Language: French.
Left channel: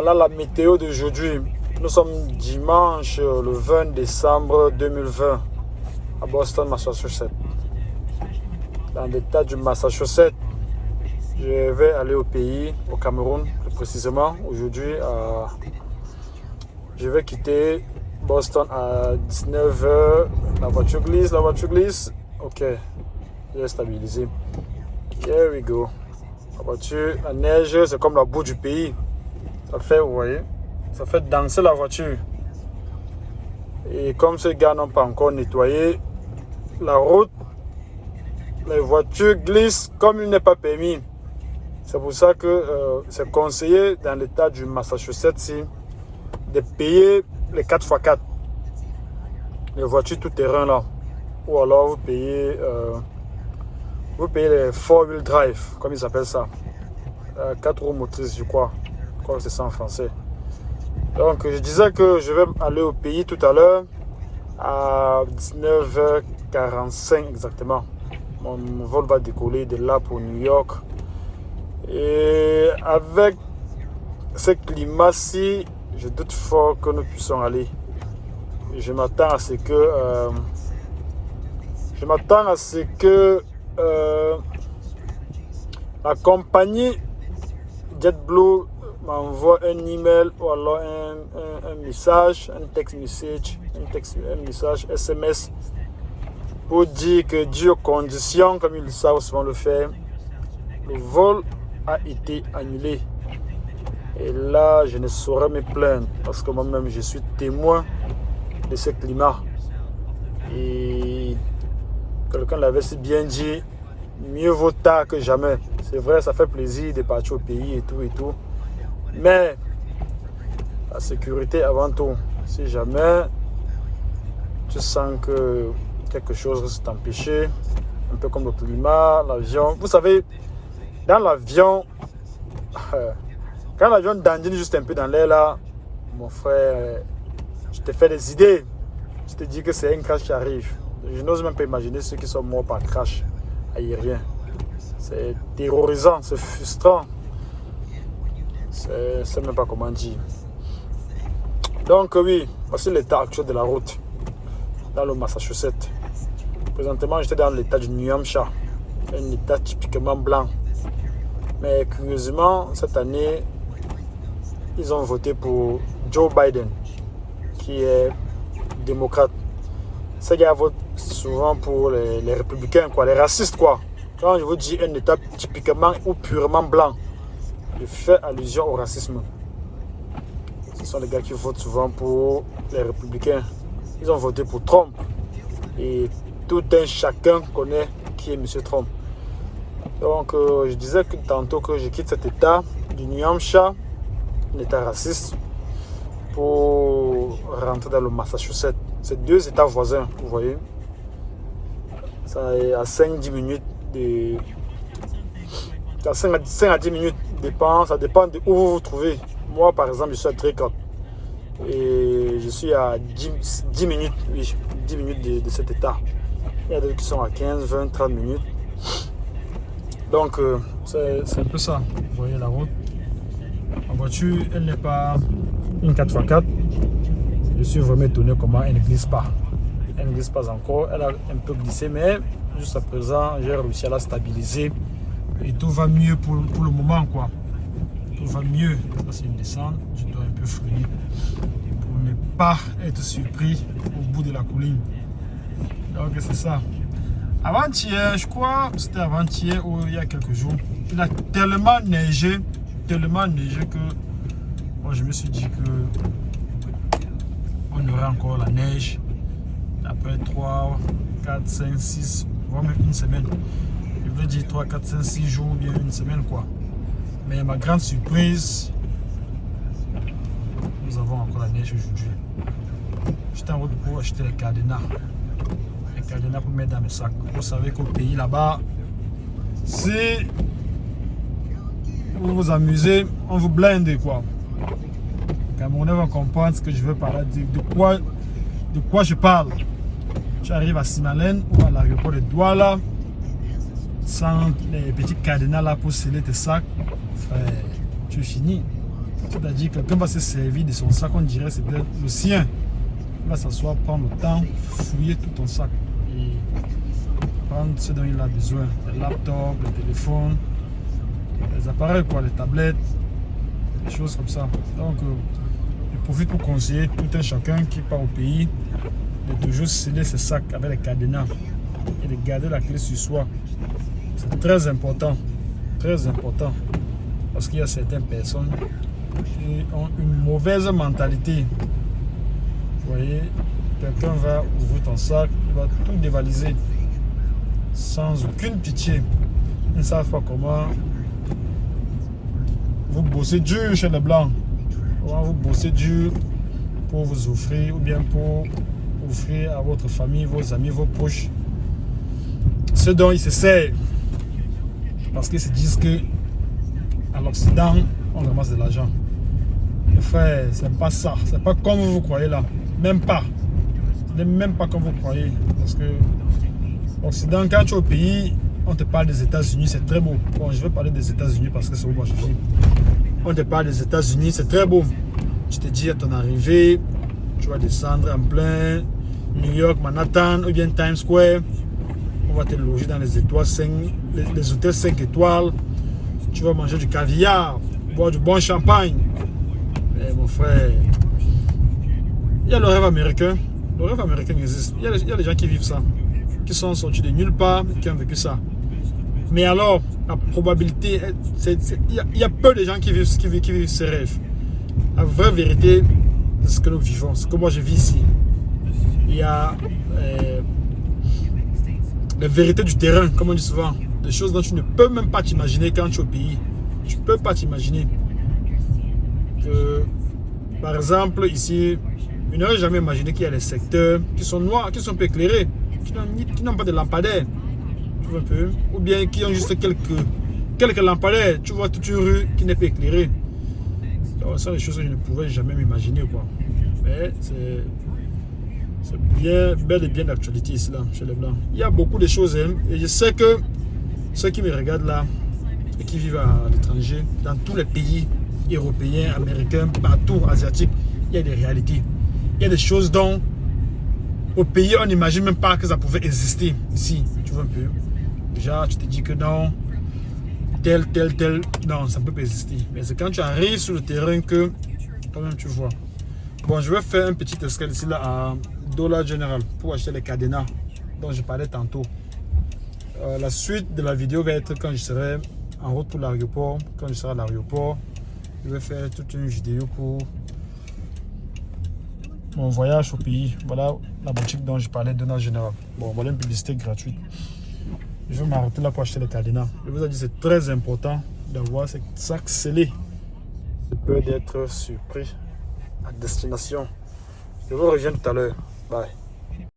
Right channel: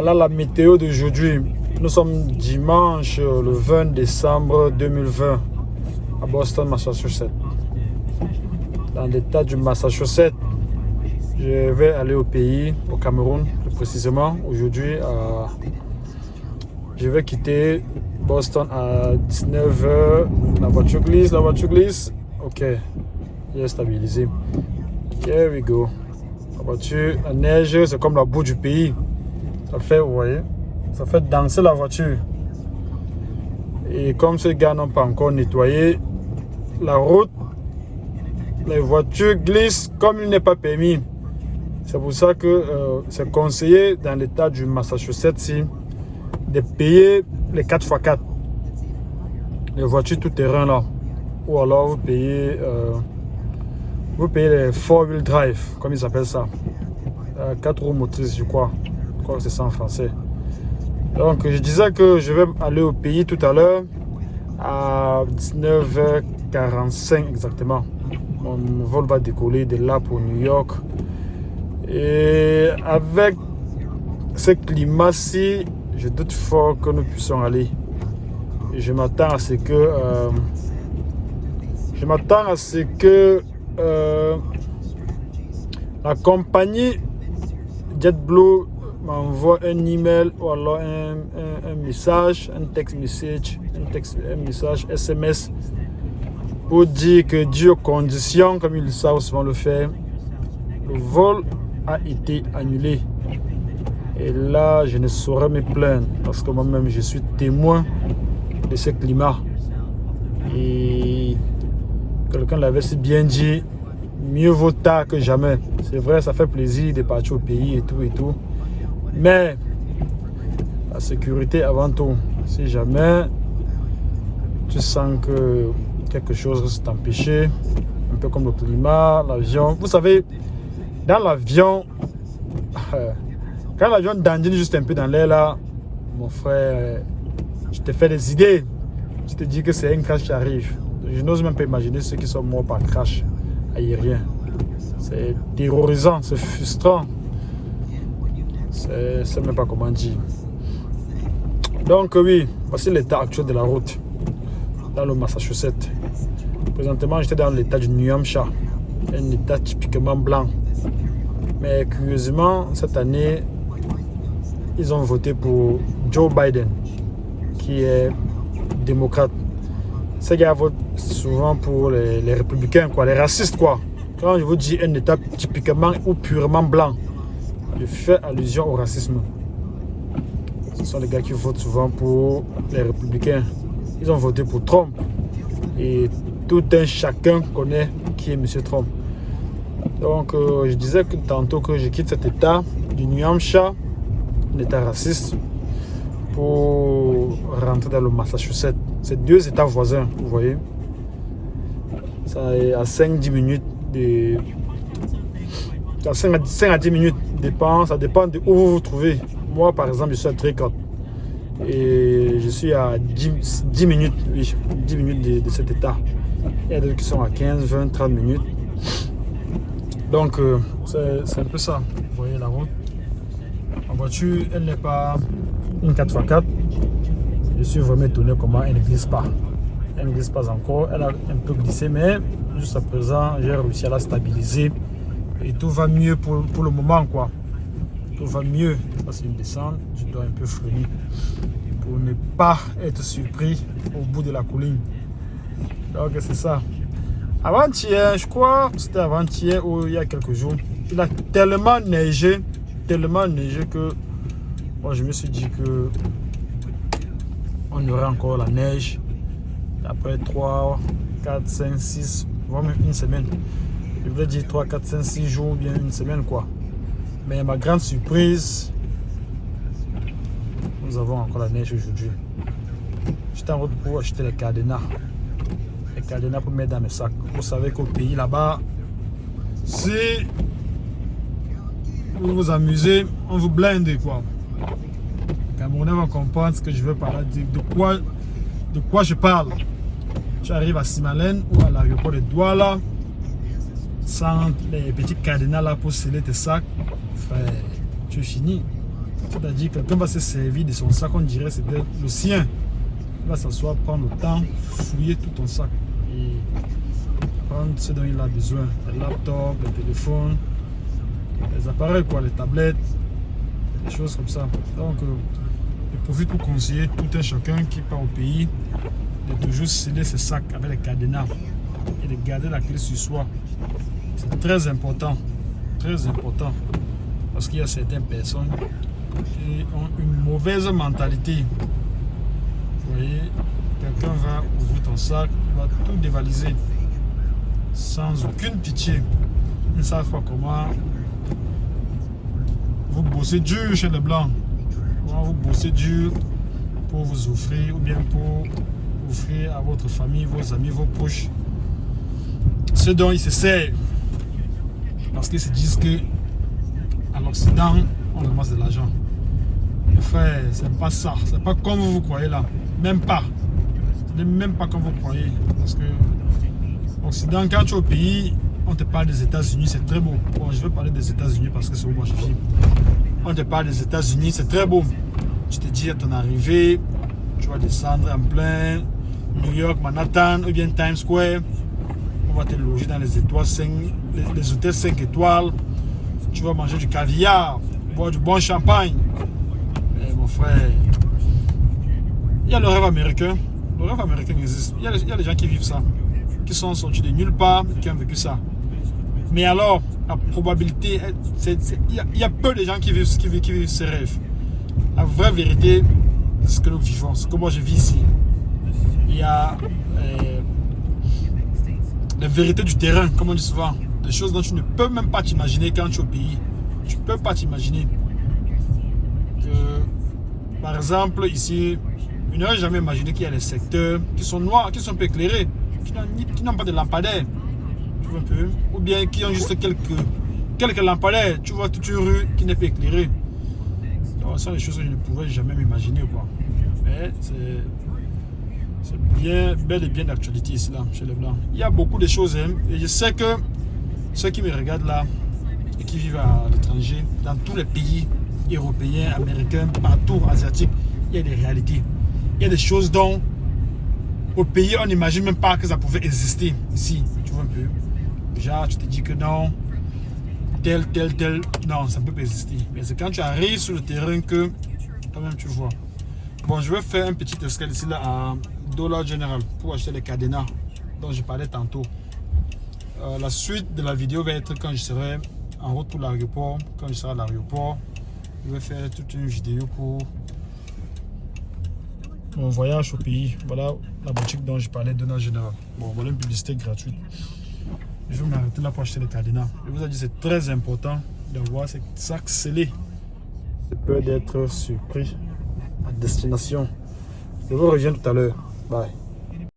Voilà la météo d'aujourd'hui. Nous sommes dimanche le 20 décembre 2020 à Boston, Massachusetts. Dans l'état du Massachusetts, je vais aller au pays, au Cameroun précisément. Aujourd'hui, je vais quitter Boston à 19h. La voiture glisse. Ok, il est stabilisé. Here we go. La voiture, la neige, c'est comme la boue du pays. Ça fait, vous voyez, ça fait danser la voiture. Et comme ces gars n'ont pas encore nettoyé la route, les voitures glissent comme il n'est pas permis. C'est pour ça que c'est conseillé dans l'état du Massachusetts de payer les 4x4. Les voitures tout-terrain là. Ou alors vous payez les 4-wheel drive, comme ils appellent ça. 4 roues motrices, je crois. Je crois que c'est ça en français. Donc je disais que je vais aller au pays tout à l'heure à 19h45 exactement. Mon vol va décoller de là pour New York. Et avec ce climat-ci, je doute fort que nous puissions aller. Je m'attends à ce que la compagnie JetBlue m'envoie un email ou alors un message, un message SMS pour dire que dû aux conditions, comme ils savent souvent le faire, le vol a été annulé. Et là, je ne saurais me plaindre parce que moi-même, je suis témoin de ce climat. Et quelqu'un l'avait si bien dit, mieux vaut tard que jamais. C'est vrai, ça fait plaisir de partir au pays et tout. Mais la sécurité avant tout. Si jamais tu sens que quelque chose risque de t'empêcher, un peu comme le climat, l'avion. Vous savez, dans l'avion, quand l'avion dandine juste un peu dans l'air là, mon frère, je te fais des idées. Je te dis que c'est un crash qui arrive. Je n'ose même pas imaginer ceux qui sont morts par crash aérien. C'est terrorisant, c'est frustrant. C'est même pas comment dire. Donc oui, voici l'état actuel de la route dans le Massachusetts. Présentement, j'étais dans l'état du New Hampshire, un état typiquement blanc. Mais curieusement, cette année, ils ont voté pour Joe Biden, qui est démocrate. Ces gars votent souvent pour les républicains, quoi, les racistes, quoi. Quand je vous dis un état typiquement ou purement blanc, je fais allusion au racisme. Ce sont les gars qui votent souvent pour les républicains. Ils ont voté pour Trump. Et tout un chacun connaît qui est M. Trump. Donc je disais que tantôt que je quitte cet état du New Hampshire, l'état raciste, pour rentrer dans le Massachusetts. C'est deux états voisins, vous voyez. Ça est à 5-10 minutes de... 5 à 10 minutes, ça dépend de où vous vous trouvez. Moi par exemple, je suis à Tricot. Et je suis à 10 minutes, 10 minutes de cet état. Il y a d'autres qui sont à 15, 20, 30 minutes. Donc c'est un peu ça. Vous voyez la route. La voiture, elle n'est pas une 4x4. Je suis vraiment étonné comment elle ne glisse pas. Elle ne glisse pas encore. Elle a un peu glissé, mais jusqu'à présent, j'ai réussi à la stabiliser. Et tout va mieux pour le moment, quoi. Tout va mieux. Ça, c'est une descente. Je dois un peu freiner pour ne pas être surpris au bout de la colline. Donc, c'est ça. Avant-hier, je crois, c'était avant-hier ou il y a quelques jours, il a tellement neigé que bon, je me suis dit que on aurait encore la neige après 3, 4, 5, 6, voire même une semaine. Je vais dire 3, 4, 5, 6 jours, bien une semaine quoi. Mais ma grande surprise, nous avons encore la neige aujourd'hui. J'étais en route pour acheter les cadenas. Les cadenas pour mettre dans mes sacs. Vous savez qu'au pays là-bas, si vous vous amusez, on vous blinde quoi. Les Camerounais vont comprendre ce que je veux parler, de quoi je parle. Tu arrives à Simalène ou à l'aéroport de Douala, sans les petits cadenas là pour sceller tes sacs, frère, tu finis. C'est-à-dire que quelqu'un va se servir de son sac, on dirait que c'est peut-être le sien. Il va s'asseoir, prendre le temps, fouiller tout ton sac et prendre ce dont il a besoin. Les laptops, les téléphones, les appareils, quoi, les tablettes, des choses comme ça. Donc, je profite pour conseiller tout un chacun qui part au pays de toujours sceller ses sacs avec les cadenas et de garder la clé sur soi. C'est très important, parce qu'il y a certaines personnes qui ont une mauvaise mentalité. Vous voyez, quelqu'un va ouvrir ton sac, il va tout dévaliser sans aucune pitié. Ils ne savent pas comment vous bossez dur chez les Blancs. Comment vous bossez dur pour vous offrir ou bien pour offrir à votre famille, vos amis, vos proches ce dont ils se servent. Parce qu'ils se disent que à l'Occident, on ramasse de l'argent. Mes frères, c'est pas ça. C'est pas comme vous croyez là. Même pas. Même pas comme vous croyez. Parce que l'Occident, quand tu es au pays, on te parle des États-Unis, c'est très beau. Bon, je vais parler des États-Unis parce que c'est où moi je vis. On te parle des États-Unis, c'est très beau. Tu te dis à ton arrivée, tu vas descendre en plein New York, Manhattan ou bien Times Square. On va te loger dans les étoiles 5, les hôtels 5 étoiles. Tu vas manger du caviar, boire du bon champagne. Mais mon frère, il y a le rêve américain. Le rêve américain existe. Il y a des gens qui vivent ça, qui sont sortis de nulle part, qui ont vécu ça. Mais alors, la probabilité, il y a peu de gens qui vivent ces rêves. La vraie vérité, c'est ce que nous vivons, ce que moi je vis ici. Il y a les vérités du terrain, comme on dit souvent. Des choses dont tu ne peux même pas t'imaginer quand tu es au pays. Tu ne peux pas t'imaginer. Par exemple, ici, je n'aurais jamais imaginé qu'il y a des secteurs qui sont noirs, qui sont peu éclairés, qui n'ont pas de lampadaires. Tu vois un peu? Ou bien qui ont juste quelques lampadaires. Tu vois toute une rue qui n'est pas éclairée. Donc, ça, c'est des choses que je ne pouvais jamais m'imaginer, quoi. Mais c'est bien, bel et bien d'actualité ici, là, chez les Blancs. Il y a beaucoup de choses, hein, et je sais que ceux qui me regardent là, et qui vivent à l'étranger, dans tous les pays européens, américains, partout, asiatiques, il y a des réalités. Il y a des choses dont, au pays, on n'imagine même pas que ça pouvait exister ici. Tu vois un peu. Déjà, tu te dis que non, tel, non, ça ne peut pas exister. Mais c'est quand tu arrives sur le terrain que, quand même, tu vois. Bon, je vais faire un petit escale ici, là, à Dollar General, pour acheter les cadenas dont je parlais tantôt. La suite de la vidéo va être quand je serai en route pour l'aéroport. Quand je serai à l'aéroport, je vais faire toute une vidéo pour mon voyage au pays. Voilà la boutique dont je parlais, Dollar General. Bon, voilà une publicité gratuite. Je vais m'arrêter là pour acheter les cadenas. Je vous ai dit, c'est très important d'avoir ces sacs scellés. De peur d'être surpris à destination. Je vous reviens tout à l'heure. Bye.